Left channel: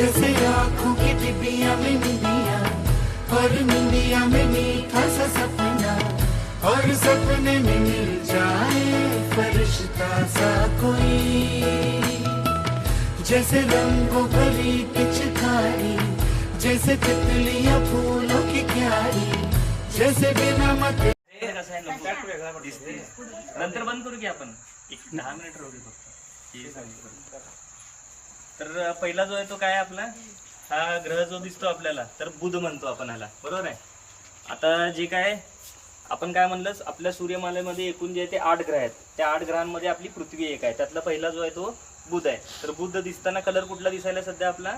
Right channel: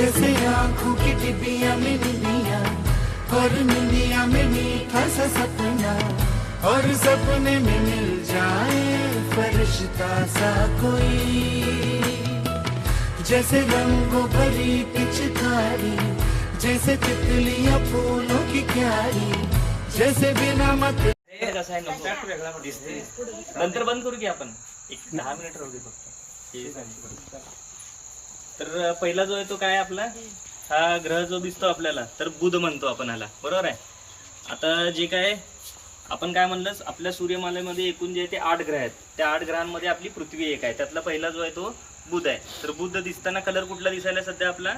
जैसे आँखों की डिबिया में निंदिया और निंदिया में मीठा सा सपना और सपने में मिल जाए फरिश्ता सा कोई। जैसे रंगों भरी पिचकारी जैसे तितलियाँ फूलों की क्यारी जैसे बिना मत नंतर बंद करू की आपण एक दहा मिनिट राहू दे फक्त बरं. तर पहिला जो आहे तो काय आपला? हा ग्रह जो दिसतो आपल्याला तर बुध म्हणतो आपण ह्याला. बरोबर आहे? आता जे काय आपण काय म्हणलं आपल्या सूर्यमालेमध्ये एकूण जे आहे ते आठ ग्रह आहेत. त्या आठ ग्रहांमध्ये आपली पृथ्वी एक आहे. त्यातला पहिला जो आहे तो बुध आहे. तर बुध दिसताना कलर कुठला दिसायला सध्या आपला?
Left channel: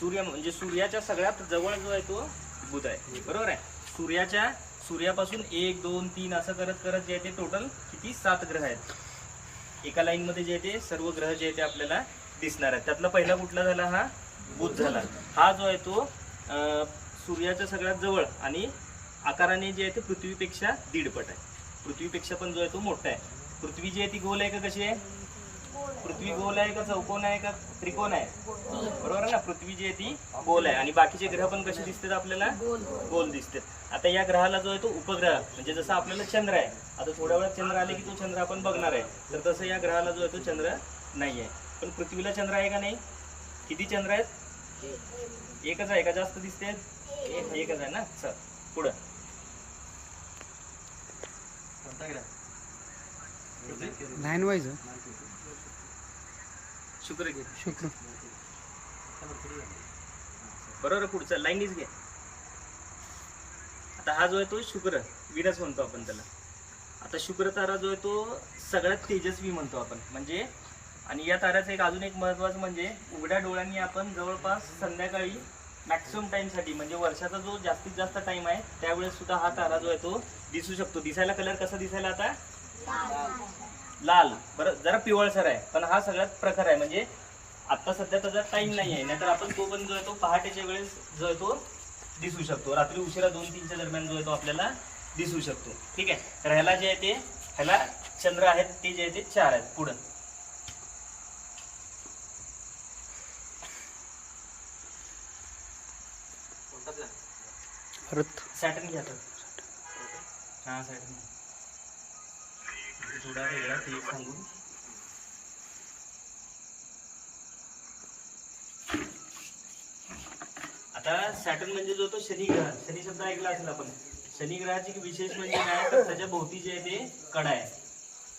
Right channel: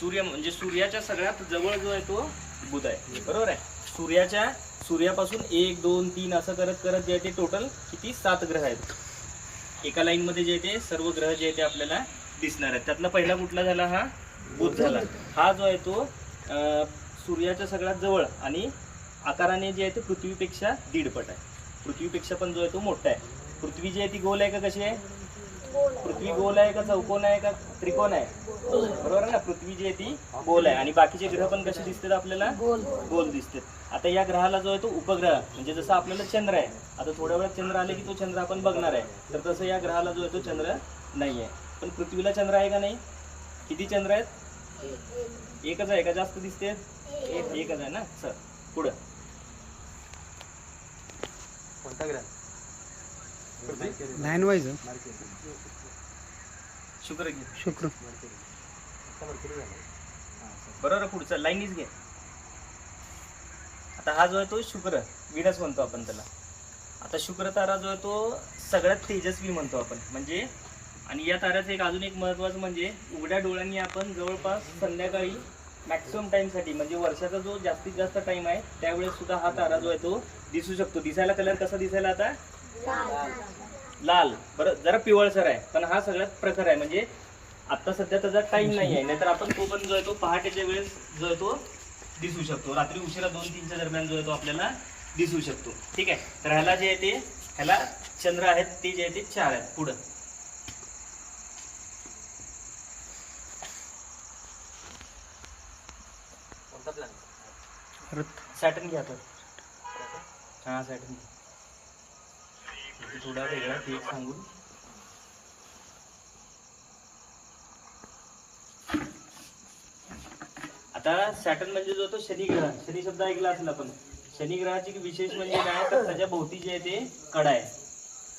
सूर्य म्हणजे सूर्याच्या सगळ्यात जवळ जो आहे तो बुध आहे. बरोबर आहे? सूर्याच्या सूर्यापासून एक दोन तीन असं करत करत जे आहे ते टोटल किती? सात ग्रह आहेत. एका लाईन मध्ये जे आहे ते सर्व ग्रह जे आहे ते आपल्याला दिसणार आहेत त्यातला पहिला कुठला झाला? हा बुध झाला. हा जो आहे तो सूर्याच्या सगळ्यात जवळ आणि आकाराने जे आहे ते पृथ्वीपेक्षा दीडपट आहे. पृथ्वीपेक्षा पण जो आहे तो मोठा आहे. पृथ्वी जी आहे ती गोल आहे का कशी आहे? पृथ्वी गोल आहे का चौकोन आहे का त्रिकोण आहे? बरोबर आहे ना? पृथ्वी जी आहे ती गोल आहे. आणि बाकीचे ग्रह पण कसे दिसतात आपल्याला? गोल. दिसतात. आता या ग्रहाला जो आहे तो उपग्रह म्हणजे जसं आपल्याला चंद्र आहे. आता थोड्या वेळात चंद्र आले की तो चंद्र आपण बघणार आहे. तर तसं या ग्रहाला जो आहे तो चंद्र नाही आहे पण पृथ्वीला चंद्र आहे का नाही? किती चंद्र आहेत? एकच आहे का? जास्त दिसते? एकच आहे ना? सर पुढं. नाईन वाईज शुक्र घे शुक्र. बरोबर पुढचा. लाईनीच घे. आता हा जो आहे तो शुक्र विनस म्हणतो आपण त्याला. आता शुक्र तारा जो आहे तो सगळ्यात तेजस्वी म्हणतो आपण. म्हणजे आणि या ताऱ्याचं एक अजून एक महत्त्वाचं म्हणजे उघड्या डोळ्यांनी आपण जवळपास संध्याकाळी मॅक्सिमम टाईमसाठी म्हणजे वर्षाचा जो जास्तीत जास्त टाईम आहे त्यावेळेस सुद्धा हा तारा जो आहे तो दिसू शकतो. दिसायला कलर कसा दिसायला आता? लाल. बरं जरा पिवळसर आहे पण हा सगळ्यात प्रकार आहे. म्हणजे आता सध्या त्याचा टाईम नाही आहे नाहीतर आपण तो पण जो आहे तो पहाटेच्या वेळेस जो आहे तो दिसू शकतो. रात्री उशिरा दोन तीनच्या दरम्यान जो आहे तो आपल्याला दिसू शकतो. ठीक आहे? तर ह्याला जे आहे ते ह्याला चंद्र आहेत ते जे आहे ते चार आहेत. पुढं. सॅटन घ्या तर हा सॅटन थोडा वेगळा ते सांगून. आता सॅटर्न म्हणजे जो तो शनी ग्रह शनी शब्द ऐकला असेल आपण. शनी ग्रहाची विशेष म्हणजे काय? तर त्याच्या भोवती जे आहे ते कडा आहे.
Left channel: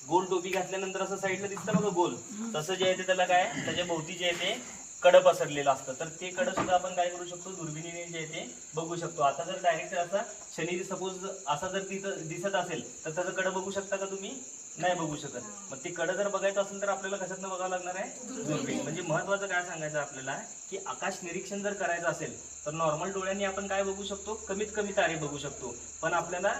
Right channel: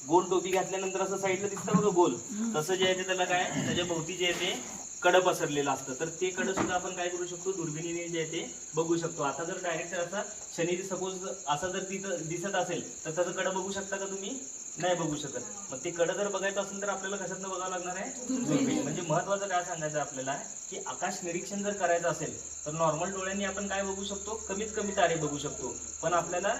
गोल टोपी घातल्यानंतर असं साईडला दिसतं बघा गोल. तसं जे आहे ते त्याला काय? त्याच्या भोवती जे आहे ते कडं पसरलेलं असतं. तर ते कडं सुद्धा आपण काय करू शकतो? दुर्बिणीने जे आहे ते बघू शकतो. आता जर डायरेक्ट असा शनी सपोज असा जर तिथं दिसत असेल तर त्याचं कडं बघू शकता का तुम्ही? नाही बघू शकत. मग ते कडं जर बघायचं असेल तर आपल्याला कशातनं बघावं लागणार आहे? दुर्बीण. म्हणजे महत्वाचं काय सांगायचं आपल्याला? की आकाश निरीक्षण जर करायचं असेल तर नॉर्मल डोळ्यांनी आपण काय बघू शकतो? कमीत कमी तारे बघू शकतो. पण आपल्याला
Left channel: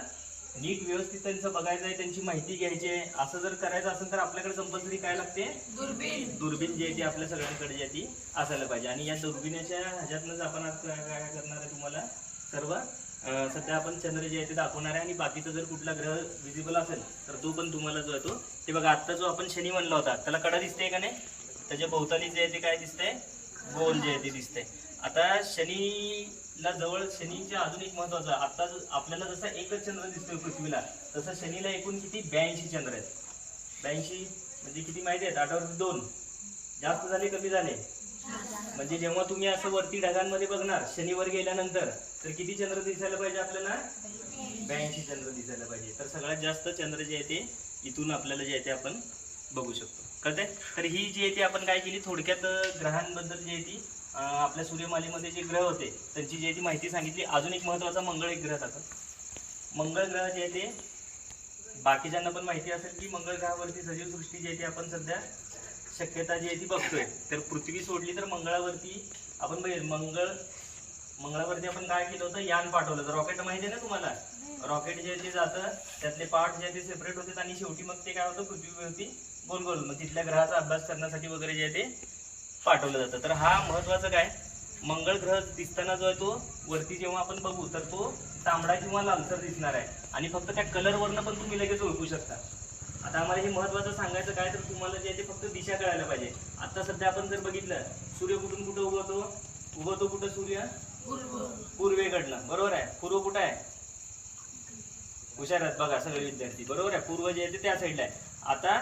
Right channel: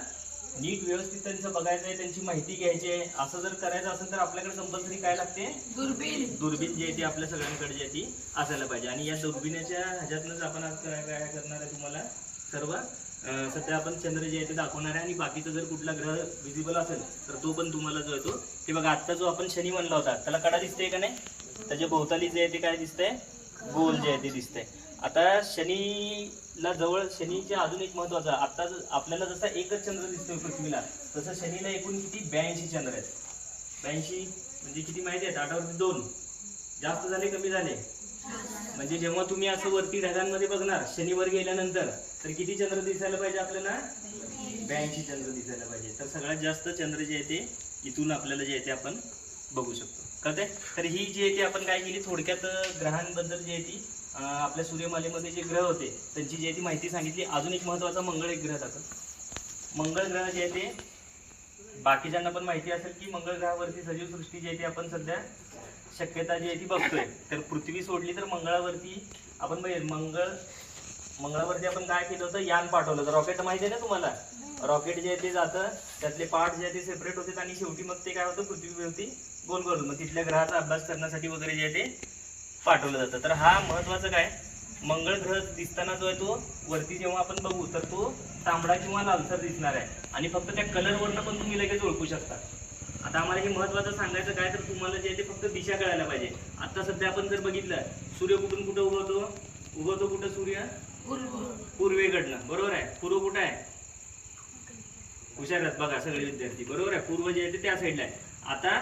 नीट व्यवस्थित त्यांचं बघायचं आहे त्यांची माहिती घ्यायची आहे. असं जर करायचं असेल तर आपल्याकडे कंपल्सरी काय लागते? दुर्बीण. दुर्बीण जी आहे ती आपल्या सगळ्यांकडे जी आहे ती असायला पाहिजे. आणि या दुर्बिणीच्या ह्याच्यातनंच आपण आज काय काय करणार आहे तुम्हाला? सर्व सध्या आपण चंद्र जे आहे ते दाखवणार आहे. आणि बाकीचा जर कुठला ग्रह विजिबल असेल तर तो पण तुम्हाला जो आहे तो ते बघा आता जो आपण शनी म्हणला होता त्याला कडा दिसते का नाही? त्याच्या भोवताली जे आहे ते काय दिसतंय? गोल जे आहे ते दिसतंय. आता ला जवळ शनीच्या अजून एक महत्वाचं आता आपल्याला जसा एकच चंद्र दिसतोय पृथ्वीला तसं शनीला एकूण किती? ब्याऐंशी चंद्र आहेत. ब्याऐंशी म्हणजे किती माहिती आहेत? आठावरती दोन. जास्त झाले कमी झाले? म्हणजे जेव्हा तुम्ही असं वरती ढगांमध्ये बघणार शनिवार गेल्यानंतर तर किती चंद्र दिसायला पाहिजे आपल्याला? ब्याऐंशी चंद्र दिसायला पाहिजे. तर सगळ्यात जास्त चंद्र जे आहे ते इथून आपल्याला जे आहे ते आपण बघू शकतो. कळते तर ही जी आहे ती आपण काय केली? थोडक्यात ग्रहांबद्दल जी आहे ती आपल्या सूर्यमालेमध्ये जे ग्रह होते त्यांची जी आहे ती माहिती सांगितली. अजून एक महत्त्वाचा मंगळ एक ग्रह जातो. मंगळ ग्रह जे आहे ते बाकीच्यांना पण माहिती असेल की मंगळ ग्रहावरती सजीव सृष्टी जी आहे ती आपण सध्या शक्यता जी आहे ती बघतोय. तर पृथ्वी सोडली तर मंगळावरती आपण बघेल मंगळ मंगळावरती आपण काय केलं होतं? यान पाठवलं होतं. रॉकेट माहिती आहे ना तुम्हाला? रॉकेट जे आहे ते जातं त्यातले पार्ट जे आहे ते सेपरेट होते आणि शेवटी मग ते काय होतं? पृथ्वीवरती गोल गोल मग तिथल्या ग्रहाचा अभ्यास करण्यासाठी वगैरे जे आहे ते पाठवलं जातं. तर हा महत्वाचं काय? मंगळ ग्रह दिसताना जो आहे तो वरती जेव्हा आपण बघू तर तो तांबडा किंवा लालसर दिसणार आहे. आणि फक्त त्या कलरवरनं पण तुम्ही लगेच ओळखू शकता. आता आम्हाला हे महत्वाचं सांगायचं काय तर तुम्हाला जे आहे ते फक्त दिशा कळायला पाहिजे. आता सध्या आपण जर बघितलं सूर्य कुठून कुठं उभवतो उभवतो कुठं सूर्य? पूर्वेकडनं बरोबर आहे? पूर्व कुठं आहे? हुशार आहेत बघा सगळे विद्यार्थी. बरोबर आहे? पूर्व जे आहे ते त्या साईडला आहे. आता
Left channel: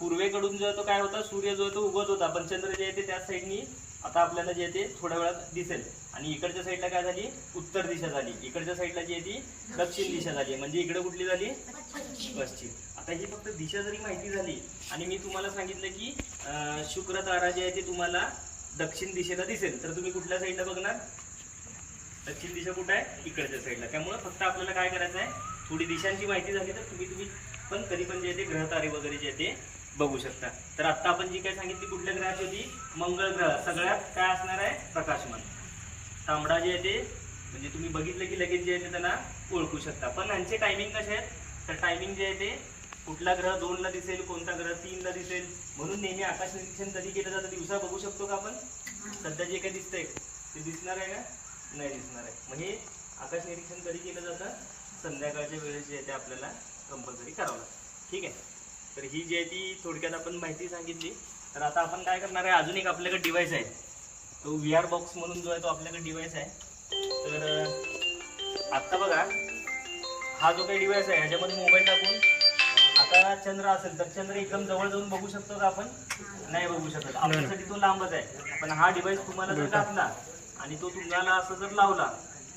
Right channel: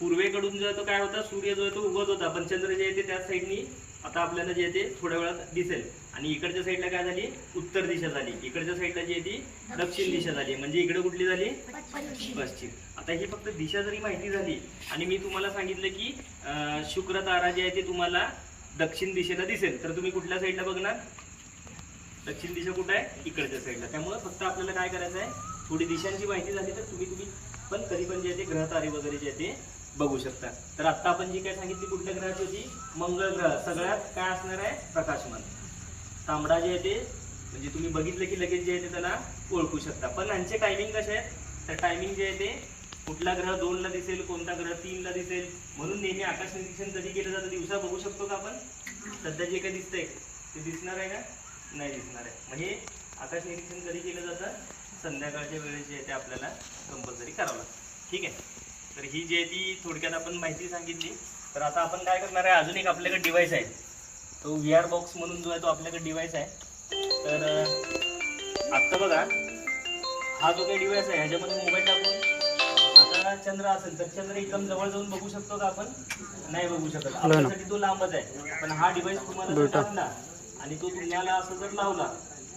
पूर्वेकडून जो आहे तो काय होता सूर्य जो आहे तो उगवत होता पण चंद्र जे आहे ते त्याच साईडनी आता आपल्याला जे आहे ते थोड्या वेळात दिसेल. आणि इकडच्या साईडला काय झाली? उत्तर दिशा झाली. इकडच्या साईडला जी आहे ती दक्षिण दिशा झाली. म्हणजे इकडे कुठली झाली? पश्चिम. आता ही फक्त दिशा जरी माहिती झाली आणि मी तुम्हाला सांगितलं की शुक्र तारा जे आहे ते तुम्हाला दक्षिण दिशेला दिसेल. तर तुम्ही कुठल्या साईडला बघणार? दक्षिण दिशा कुठं आहे? इकडच्या साईडला त्यामुळे फक्त आपल्याला काय करायचं आहे थोडी दिशांची माहिती झाली तर तुम्ही तुम्ही पण कधी पण जे आहे ते ग्रहतारे वगैरे जे आहे ते बघू शकता. तर आता आपण जी काय सांगितली कुठल्या ग्रहाची होती? मंगळ ग्रह. सगळ्यात काय असणार आहे? प्रकाशमान. तांबडा जे आहे ते म्हणजे तुम्ही बघितलं की लगेच जे आहे ते त्यांना ओळखू शकता. पण यांचे टायमिंग कसे आहेत? तर टायमिंग जे आहे ते कुठला ग्रह दोनला दिसेल कोणता ग्रह तीनला दिसेल? म्हणून नेहमी आकाश निरीक्षण कधी केलं जातं दिवसा बघू शकतो का आपण? सध्या जे काही दिसतंय ते दिसणार आहे का? नाही दिसणार आहे. म्हणजे आकाश निरीक्षण कधी केलं जातं? संध्याकाळच्या वेळेस जे आहे ते आपल्याला कंपल्सरी करावं लागतं. ठीक आहे? तर ही जी आहे ती थोडक्यात आपण माहिती सांगितली. तर आता आपण काय करणार आहे अजून एक आपल्याकडे डिव्हाइस आहे. तो व्ही आर बॉक्स म्हणून जो आहे तो आपल्याकडे डिव्हाइस आहे. तर आत्ता बघा हा जो काही डिव्हाइस आहे ह्याच्यामध्ये मोबाईल टाकून आता चंद्र असेल तर चंद्र एकदम जवळ जाऊन बघू शकतो का आपण? नाही बघू शकत. आपल्यासाठी तो लांबच आहे. पण हा डिव्हाइस तुम्हाला टाकला आणि तो तुम्हाला असं जर लावला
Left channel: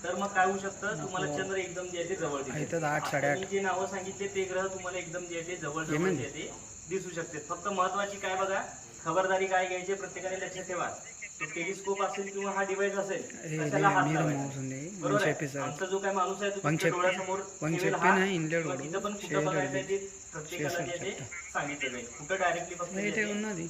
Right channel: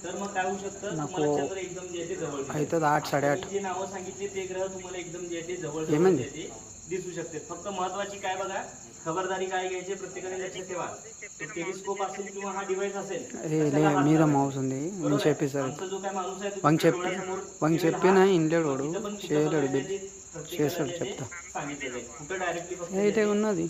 तर मग काय होऊ शकतं? तुम्हाला चंद्र एकदम जे आहे जवळ आठ साडेआठ जे नावं सांगितले ते ग्रह तुम्हाला एकदम जे आहे जवळ ते दिसू शकते. फक्त महत्वाची काय बघा खबरदारी काय घ्यायची प्रत्येकाने लक्ष ठेवा. टेलिस्कोप असेल किंवा हा डिवाइस असेल आमचा जो काय माणूस आहे सांगितलं जाईल. कुठं डायरेक्टली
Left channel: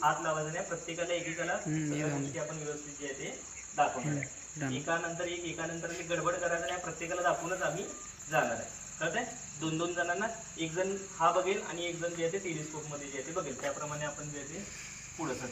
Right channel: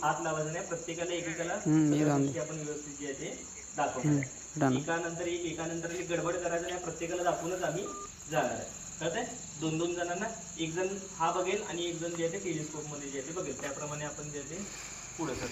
हात लावायचं नाही प्रत्येकाला एकेकाला आपण व्यवस्थित जे आहे ते दाखवणार आहे. एकानंतर एक एकानंतर एक गडबड करायचं नाही प्रत्येकाला दाखवूनच आम्ही जाणार आहे. कळतंय? दोन दोन जणांना एक जण हा बघेल आणि एक जण जे आहे ते टेलिस्कोपमध्ये जे आहे ते बघेल. त्याप्रमाणे आपण जे आहे ते पुढे सर